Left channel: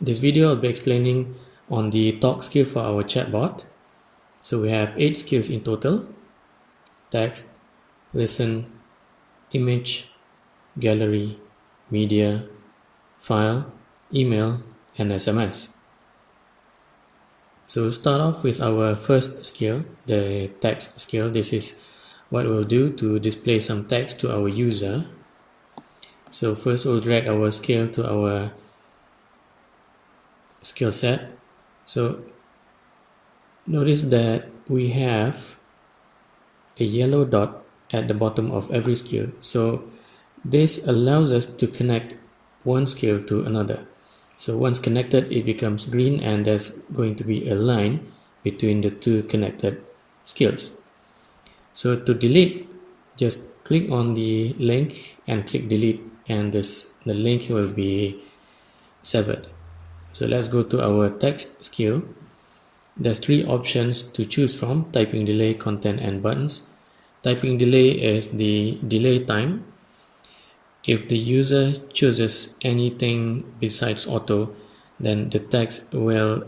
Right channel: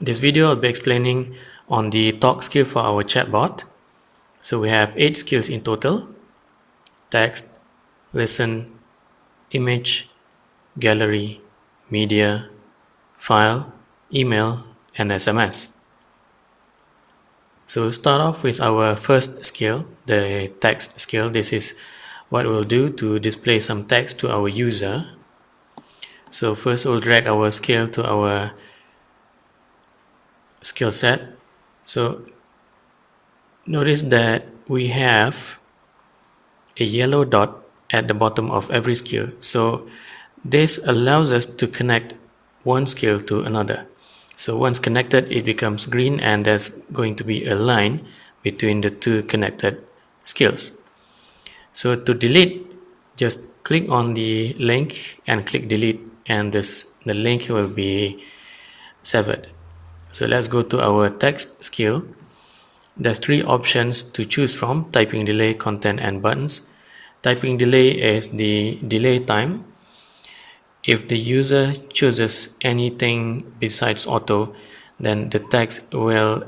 This video I'll be explaining on the talk skill for our chatbot. So we have 8 skills in total: text, listen, image, gallery, media, file, email, and SMS. So we'll start off with our first skill, the text skill. This is what we'll do to display some text to our user. So first we'll drag our skill to our skill set. So notice that we have a yellow dot at the bottom of every skill. So this allows us to connect one skill to another. So once connected, it becomes green, and there's going to be a line between the two connected skills. So to delete, just click on the link and click delete, and the link will be severed. So let's go to our text skill. There's 3 options to choose from: typing delay, content, and buttons. Typing delay is the delay time. If the user chooses anything besides auto, then the text will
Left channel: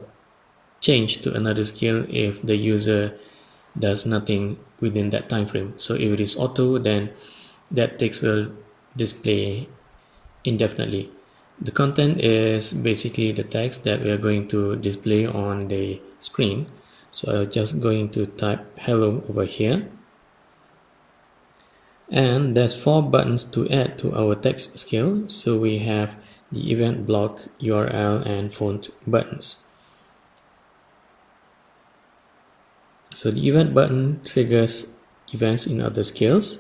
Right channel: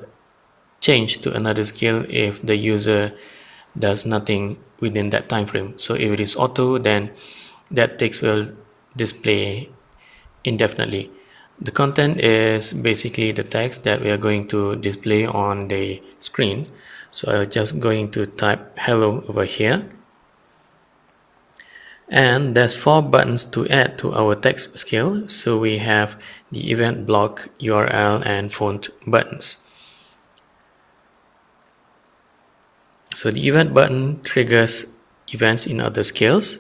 change to another skill if the user does nothing within that time frame. So if it is auto, then that text will display indefinitely. The content is basically the text that we are going to display on the screen. So I'm just going to type hello over here. And there's 4 buttons to add to our text skill. So we have the event block, URL, and font buttons. So the event button triggers events in other skills,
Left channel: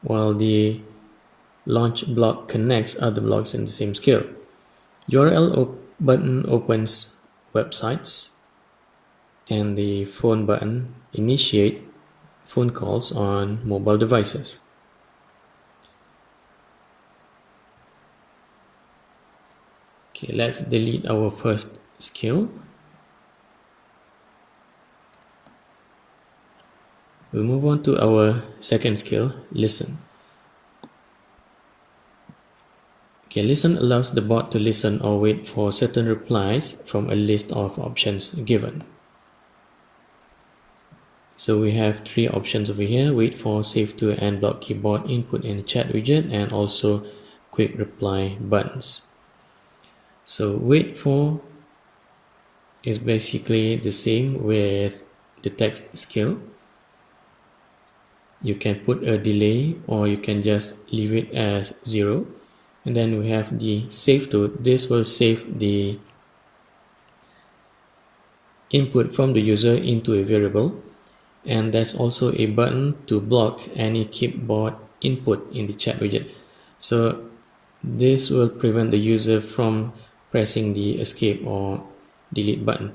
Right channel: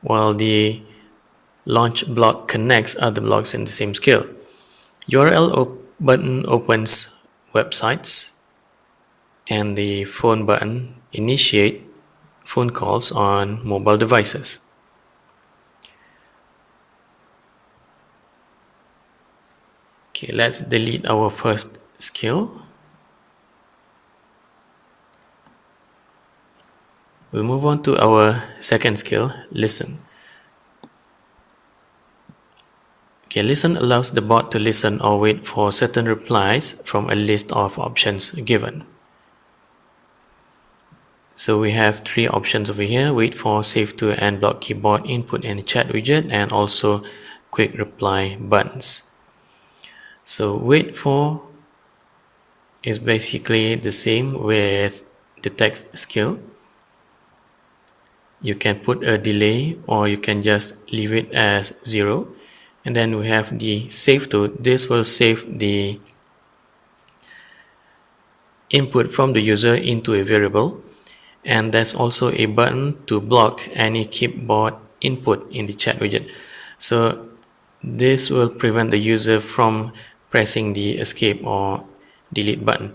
while the launch block connects other blocks in the same skill. URL button opens websites, and the phone button initiates phone calls on mobile devices. Okay, let's delete our first skill. We'll move on to our second skill, listen. Okay, listen allows the bot to listen or wait for certain replies from a list of options given. So we have 3 options over here: wait for, save to, and block keyboard input and chat widget, and also quick reply buttons. So wait for is basically the same with the text skill. You can put a delay, or you can just leave it as 0. And then we have the save to. This will save the input from the user into a variable. And there's also a button to block any keyboard input in the chat widget. So this will prevent the user from pressing the escape or delete button.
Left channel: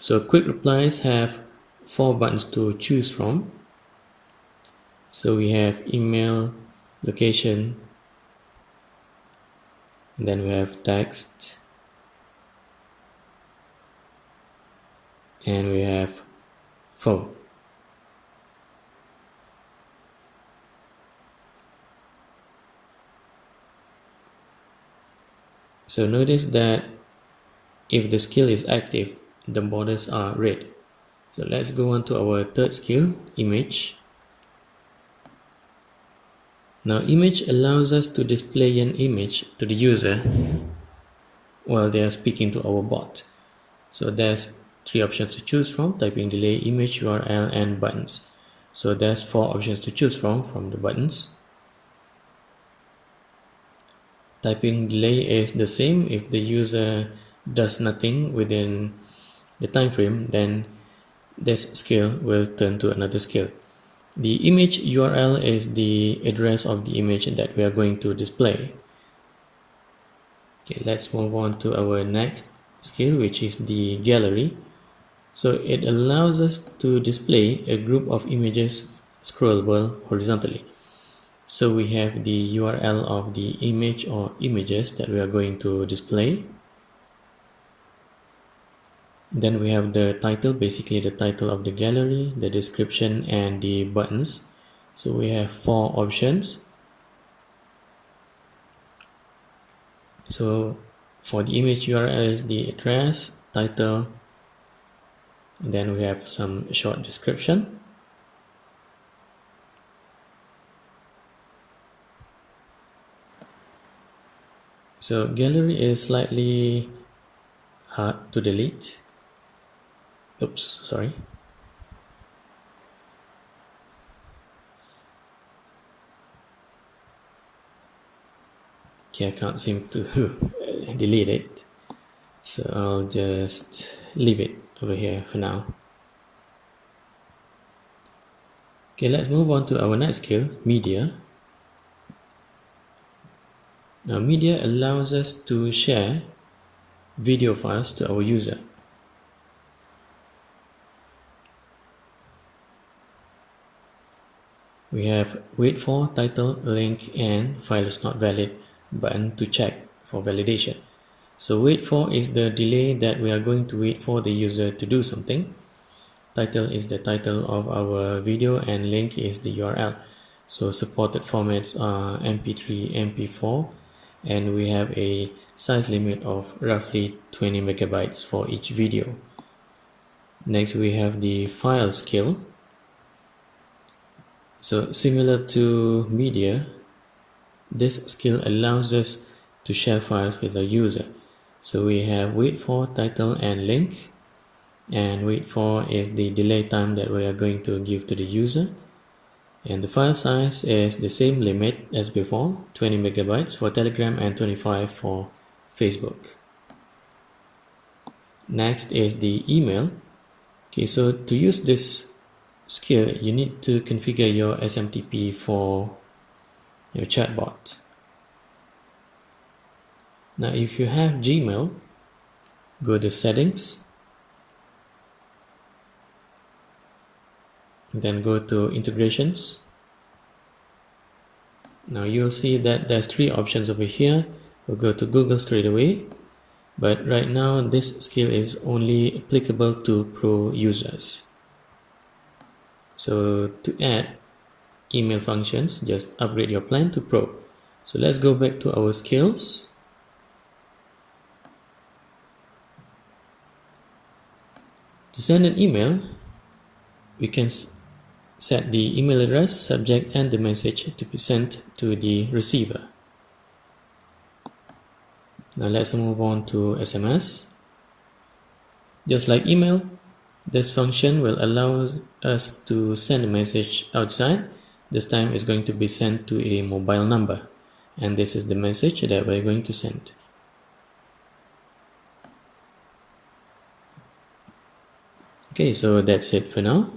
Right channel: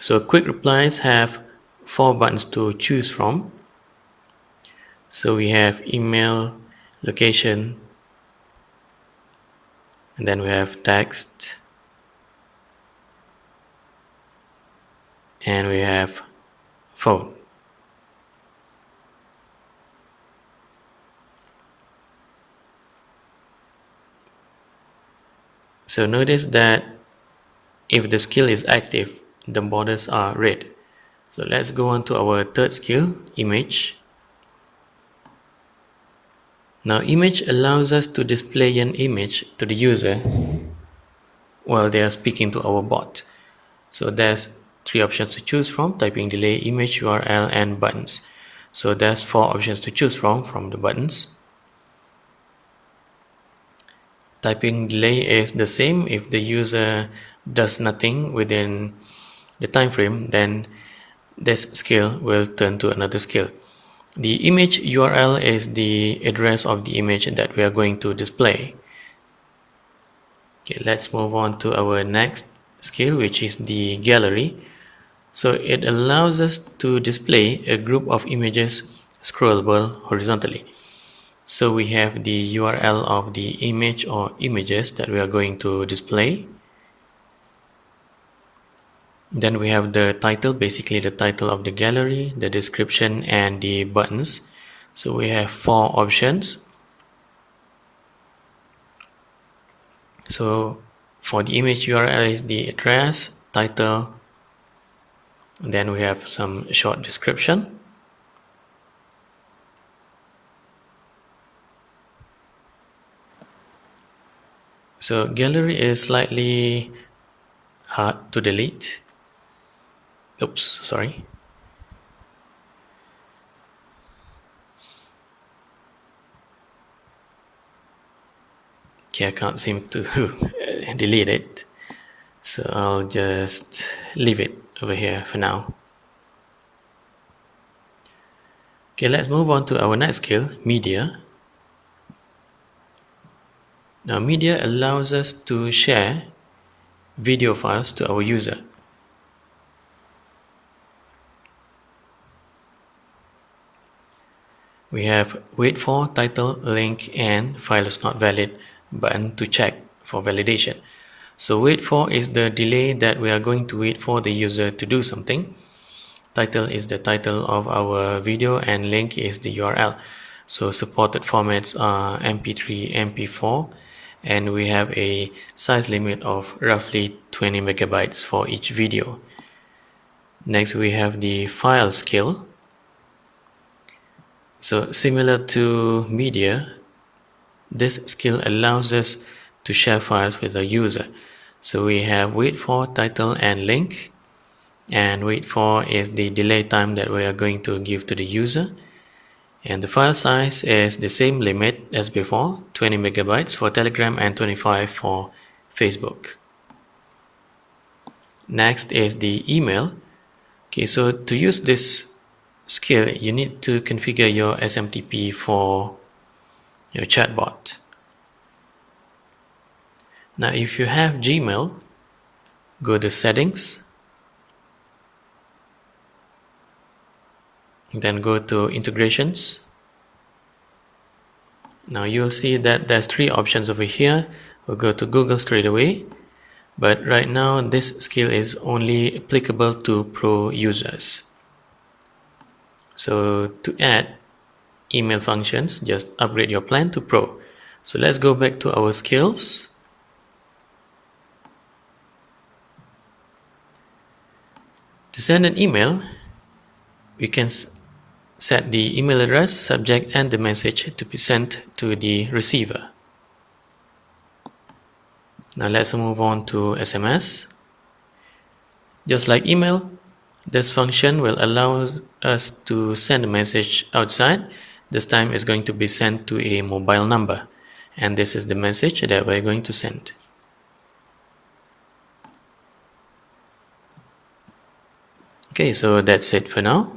So quick replies have 4 buttons to choose from. So we have email, location, and then we have text, and we have phone. So notice that if the skill is active, the borders are red. So let's go on to our third skill, image. Now image allows us to display an image to the user while they are speaking to our bot. So there's 3 options to choose from: typing delay, image, URL, and buttons. So there's 4 options to choose from the buttons. Typing delay is the same. If the user does nothing within the time frame, then this skill will turn to another skill. The image URL is the address of the image that we are going to display. Okay, let's move on to our next skill, which is the gallery. So it allows us to display a group of images scrollable horizontally. So we have the URL of the image or images that we are going to display. Then we have the title, basically the title of the gallery, the description, and the buttons. So we have 4 options. So For the image URL is the address, title, then we have some short description. So gallery is slightly hard to delete. Oops, sorry. Okay, I can't seem to delete it. So I'll just leave it over here for now. Okay, let's move on to our next skill, media. Now, media allows us to share video files to our user. We have wait for, title, link, and file is not valid button to check for validation. So wait for is the delay that we are going to wait for the user to do something. Title is the title of our video and link is the URL. So supported formats are MP3, MP4, and we have a size limit of roughly 20 megabytes for each video. Next, we have the file skill. So similar to media, this skill allows us to share files with the user. So we have wait for, title, and link. And wait for is the delay time that we are going to give to the user. And the file size is the same limit as before, 20 megabytes for Telegram and 25 for Facebook. Next is the email. Okay, so to use this skill, you need to configure your SMTP for your chatbot. Now, if you have Gmail, go to settings, then go to integrations. Now you'll see that there's three options over here. We'll go to Google straight away, but right now this skill is only applicable to pro users. So to add email functions, just upgrade your plan to pro. So let's go back to our skills. To send an email, we can set the email address, subject, and the message to be sent to the receiver. Now let's move on to SMS. Just like email, this function will allow us to send a message outside. This time it's going to be sent to a mobile number, and this is the message that we're going to send. Okay, so that's it for now.